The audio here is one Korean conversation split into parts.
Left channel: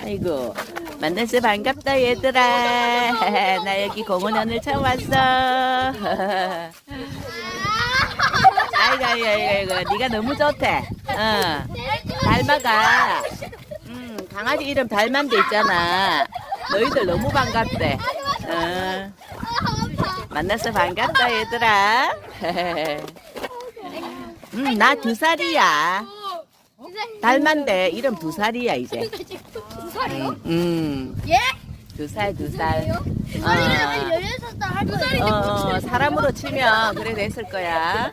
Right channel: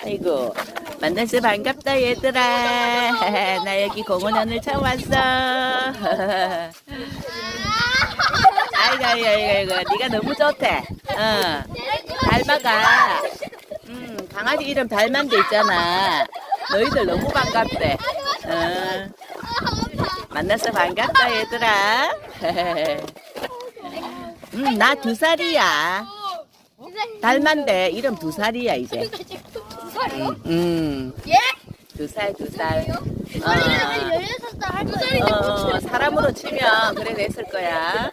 아이고 만나서 반갑다 얘들아. 나 여기 공원 오늘 처음 왔어. 아이고 아이고 아이고 아이고. 네가 너무 좋대. 어. 달마가 음 강아지 이름 달만도 있잖아. 너희들 너무 반갑대. 어. 만나서 반갑다 얘들아. 음 나 두 살이야. 달만데 이름 두 살이야 이제 음, 음. 두 살, 두 살. 어, 어, 사람으로 치면 그래 됐을 거야.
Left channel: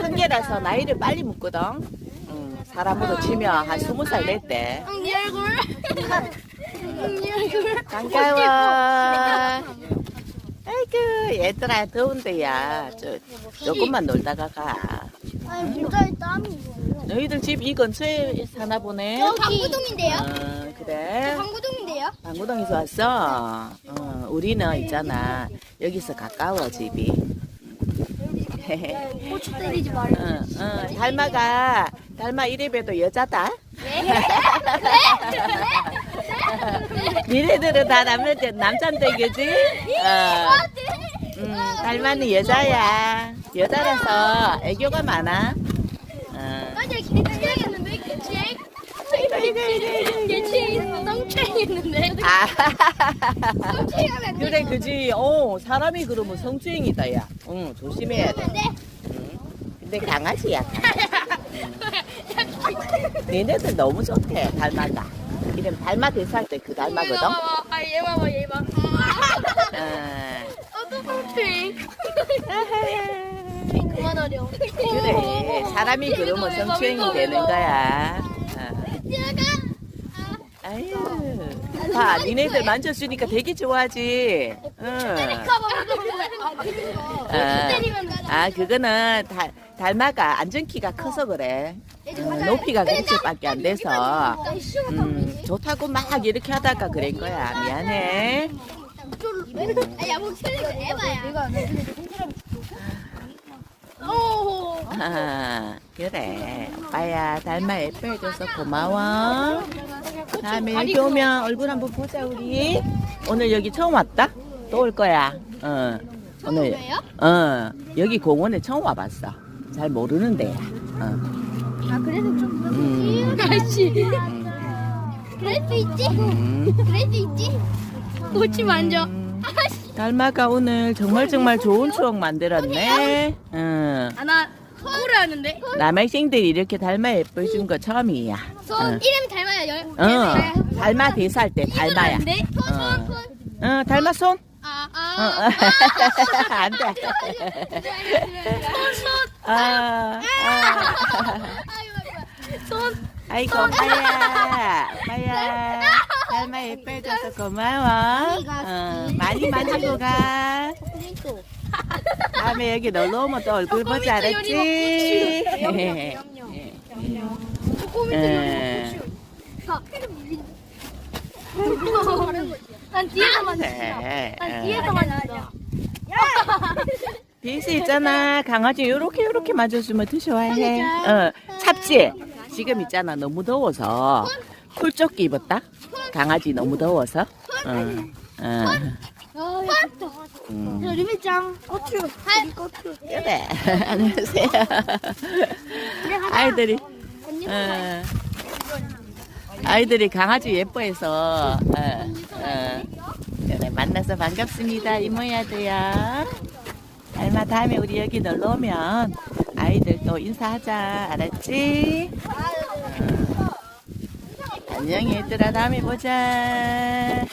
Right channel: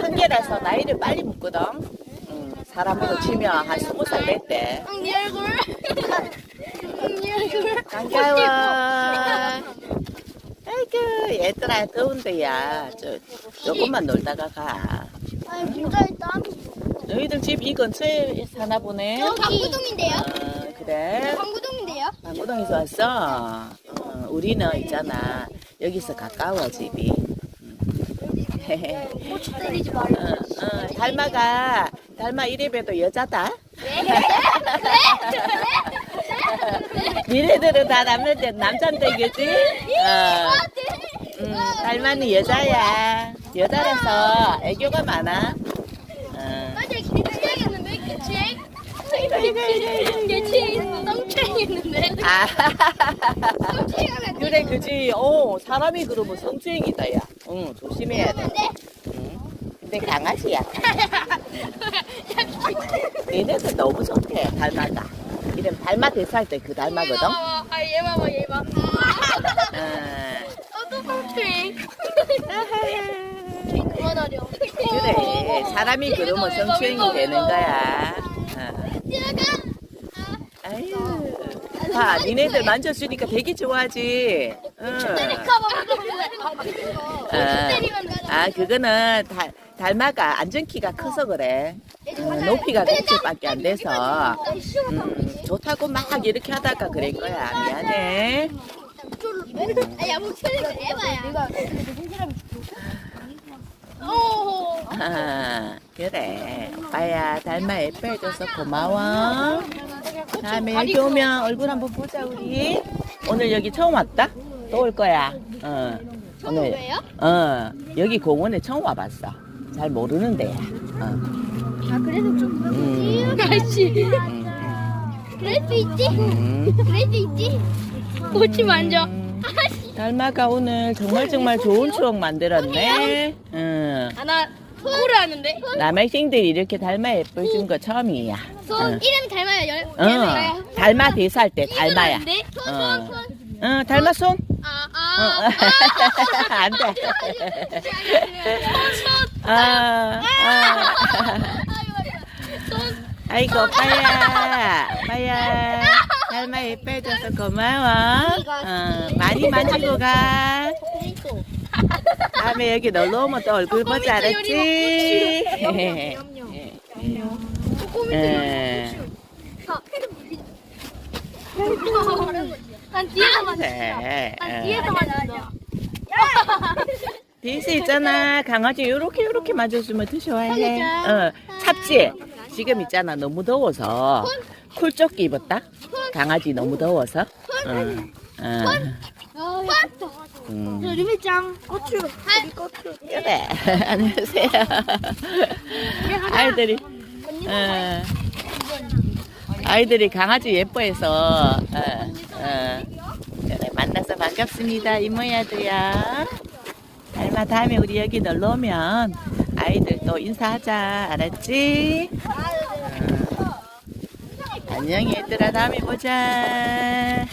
한개라서 나이를 빨리 묻거든. 음, 사람으로 치면 한 스무 살 됐대. 네 얼굴. 네 얼굴. 반가워. 아이고, 얘들아, 더운데 야. 저, 조금만 놀다가 가. 아니 일단 너희들 집 이 근처에 사나 보네? 방구동인데요. 어, 그래? 방구동인데요. 방구동에서 왔어? 어, 우리는 있잖아. 여기서 가까워, 집이. 말고. 어, 어, 달마가, 달마 이래봬도 여자다? 니네들은 다 남자, 남잔데, 그지? 어, 음, 달마는 여자야. 여자라서 애교가 많아. 어. 맞아 개체했는데 개체. 아, 그래, 그지. 어, 사람이 그러면 성추행이다, 야. 응, 조심해야 돼. 응. 근데 강아지야. 얘네들 너무 좋대, 달마가. 이름 달마 대사할 때 그 달마거든. 아 얘 봐봐 얘 봐. 어, 어떡해. 그만하려. 그래, 사람이 그러면 성추행이 되는 거야. 어. 아유, 봐, 니네들 만졌으니까 되게 좋아하지. 응. 아, 아, 그거는 달, 달마가 안전키가 커서 그래. 어, 높이가 그렇게밖에 안 돼서 음, 좋다고 막 이렇게 하다가 그런 거야. 미안해. 아, 그래. 오빠야, 달마 예뻐해 줘서 고마워. 다음에 여기 오면 얼굴 한번 보자, 우리. 오늘 여기 처음 왔다? 또 올 거야. 어, 오늘. 어, 여기 공원에 처음 와봤어. 잘 모르는 데야. 어. 아, 그래도 좀. 음, 아씨. 음, 그래도 있지? 음. 그래도 있지? 꼬치 만져. 음, 달마가 오늘 정말 정말 좋은 추억 만들었네. 응. 하나, 코를 하는데? 남학생들이 이렇게 달마 예뻐준 거 처음이야. 응. 이름이 닮아요. 열, 어, 달마 대사할 때 달마야. 하는데? 어, 어 달마 손? 아, 어, 아. 어. 안 돼. 아, 아. 손. 아이고. 달마 예뻐해줘서 고마워. 어, 많이 만지고 가. 다음에 여기 놀러 오면 또 얼굴 보지 알았지? 응. 난 나가자. 비스 있잖아. 강아지 요렇게 요렇게 만져주면 더 좋아해. 어, 찹지? 지금 있잖아. 너무 더워서 쿨조끼 입었다. 강아지 너무 더워서. 어, 어, 음. 그래. 안녕하세요. 아이들이, 어, 아이들이 강아지 예뻐해서, 그래, 만나서 반갑습니다. 이모야도야. 달마 다음에 우리 여기 놀러 오면 아이들 또 인사하자. 알았지? 어. 안녕 얘들아. 다음에 보자.